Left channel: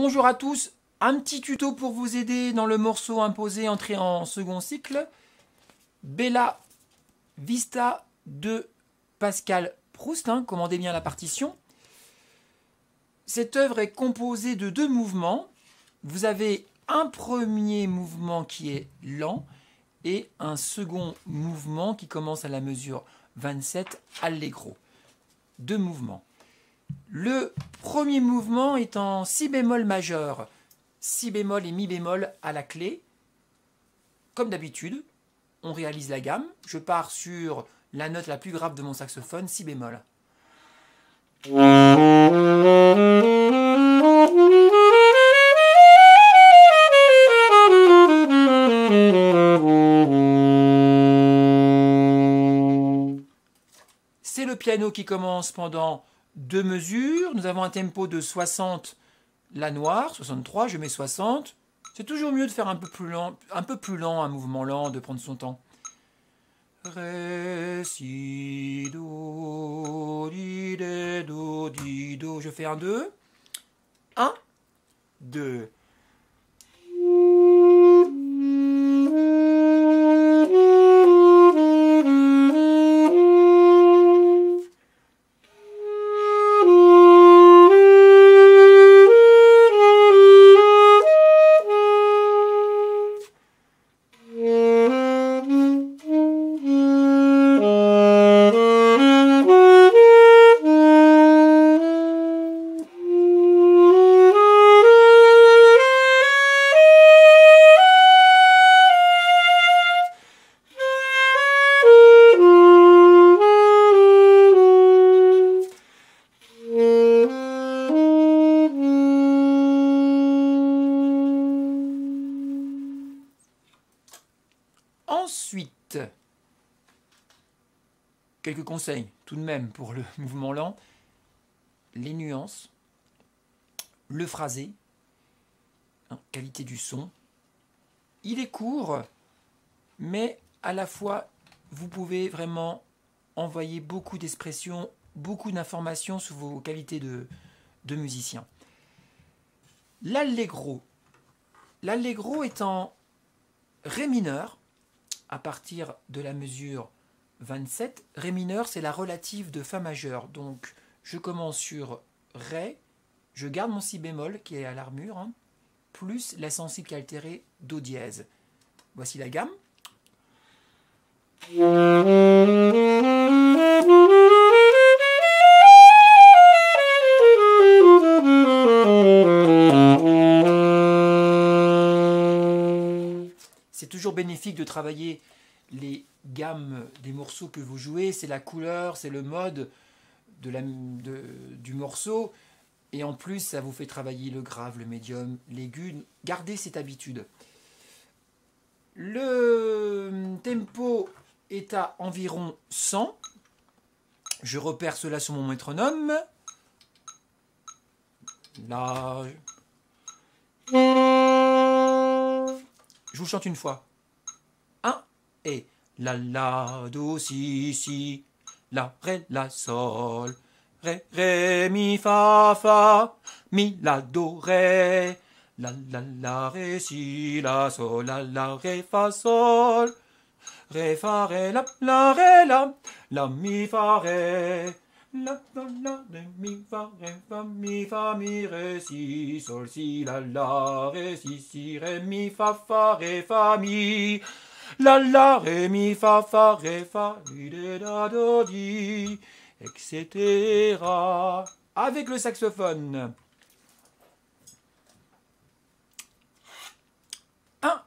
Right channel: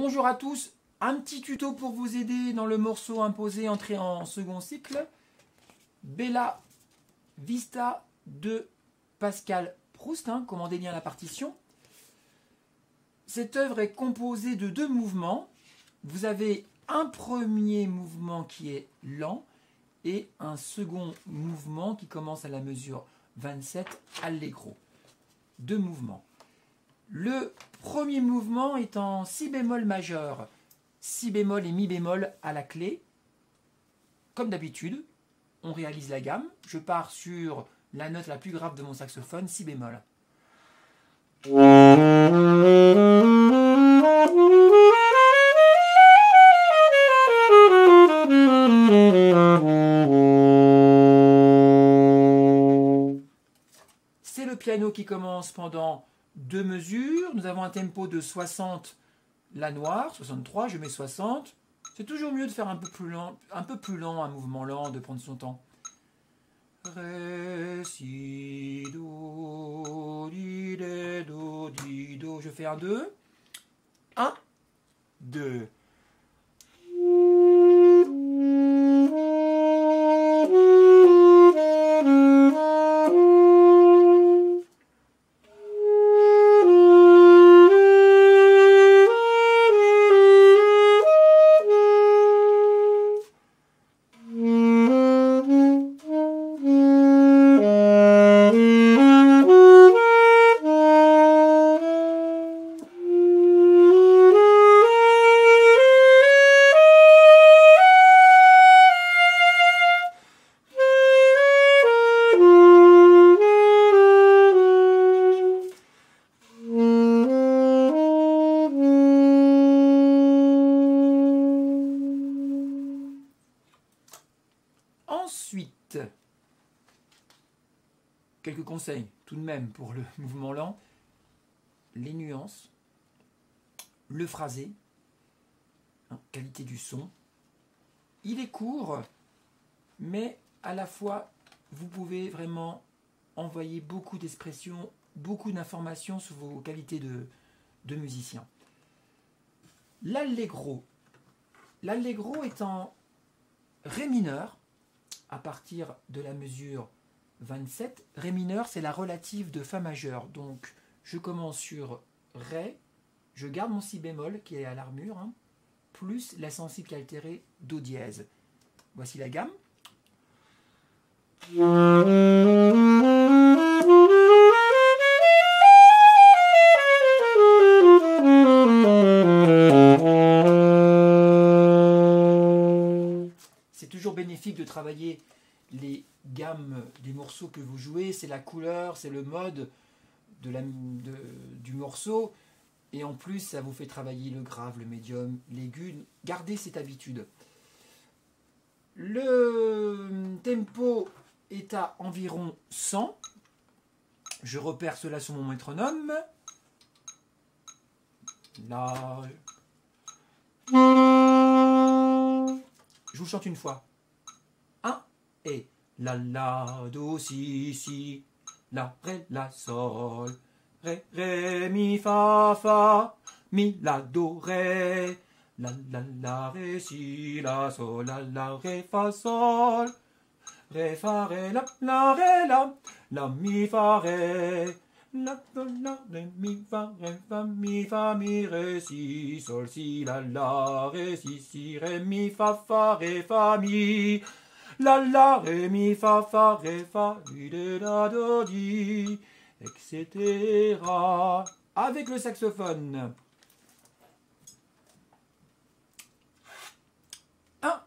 Bonjour à tous, un petit tuto pour vous aider dans le morceau imposé entré en second cycle. Bella Vista de Pascal Proust, commandez bien la partition. Cette œuvre est composée de deux mouvements. Vous avez un premier mouvement qui est lent et un second mouvement qui commence à la mesure 27 allegro. Deux mouvements. Le premier mouvement est en si bémol majeur, si bémol et mi bémol à la clé. Comme d'habitude, on réalise la gamme. Je pars sur la note la plus grave de mon saxophone, si bémol. C'est le piano qui commence pendant deux mesures. Nous avons un tempo de 60, la noire, 63, je mets 60. C'est toujours mieux de faire un peu plus lent, un mouvement lent, de prendre son temps. Ré, si, do, di, dé, do, di, do. Je fais un 2. 1, 2. Ensuite, quelques conseils tout de même pour le mouvement lent. Les nuances, le phrasé, qualité du son. Il est court, mais à la fois, vous pouvez vraiment envoyer beaucoup d'expressions, beaucoup d'informations sur vos qualités de musicien. L'allegro. L'allegro est en ré mineur, à partir de la mesure 27. Ré mineur, c'est la relative de fa majeur. Donc, je commence sur Ré, je garde mon si bémol qui est à l'armure, plus la sensible altérée do dièse. Voici la gamme. C'est toujours bénéfique de travailler les gammes des morceaux que vous jouez. C'est la couleur, c'est le mode du morceau. Et en plus, ça vous fait travailler le grave, le médium, l'aigu. Gardez cette habitude. Le tempo est à environ 100. Je repère cela sur mon métronome. Là. Je vous chante une fois. 1 et la la do si si la ré la sol ré ré mi fa fa mi la do ré la ré si la sol la ré fa sol ré la la mi fa ré la ré mi fa mi ré si sol si la ré si ré mi fa mi la ré mi fa mi ré da do di, etc. Avec le saxophone. 1.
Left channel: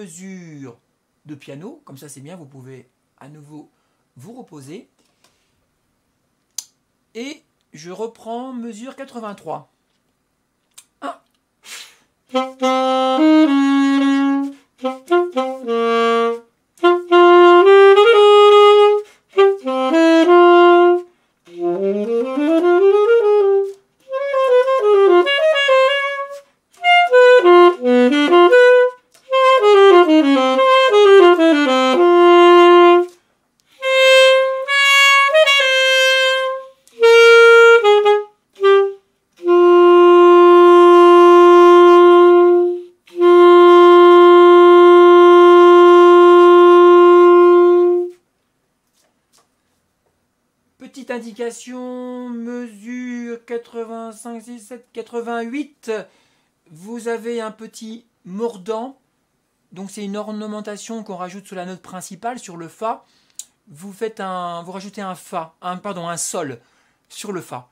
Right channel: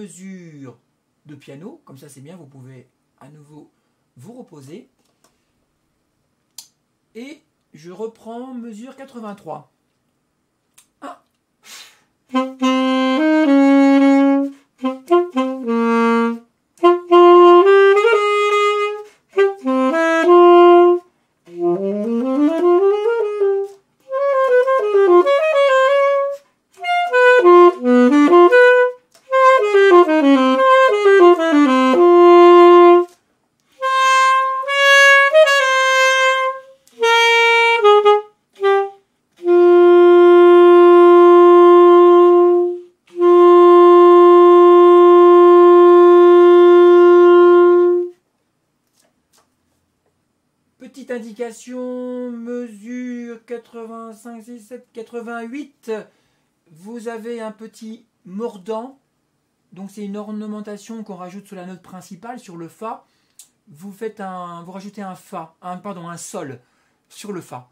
mesure de piano, comme ça c'est bien, vous pouvez à nouveau vous reposer. Et je reprends mesure 83. 1. Petite indication, mesure 85, 67, 88. Vous avez un petit mordant. Donc c'est une ornementation qu'on rajoute sur la note principale, sur le Fa. Vous rajoutez un Fa, un Sol sur le Fa.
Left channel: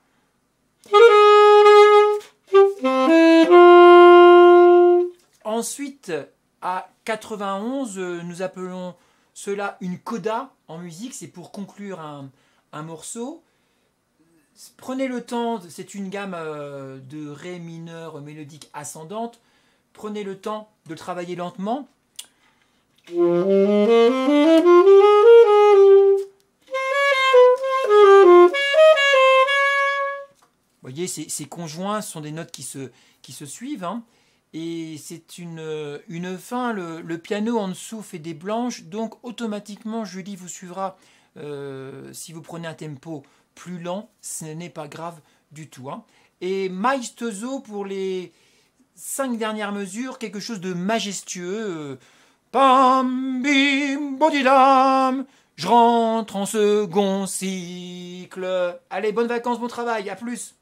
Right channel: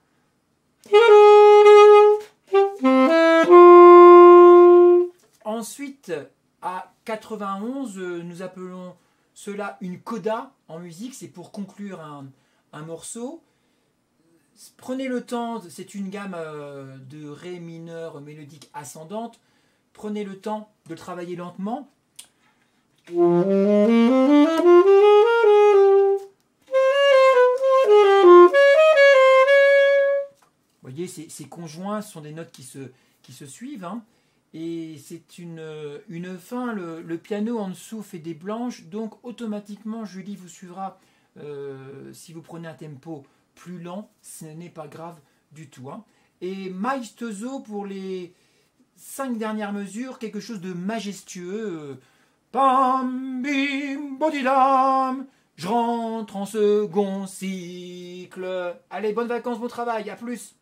Ensuite, à 91, nous appelons cela une coda en musique. C'est pour conclure un morceau. Prenez le temps, c'est une gamme de Ré mineur mélodique ascendante. Prenez le temps de travailler lentement. Vous voyez, ces conjoints sont des notes qui se suivent. Hein. Et c'est une fin, le piano en dessous fait des blanches, donc automatiquement Julie vous suivra. Si vous prenez un tempo plus lent, ce n'est pas grave du tout. Hein. Et maestoso pour les 5 dernières mesures, quelque chose de majestueux. Pam, bim, bodidam, je rentre en second cycle. Allez, bonnes vacances, bon travail, à plus.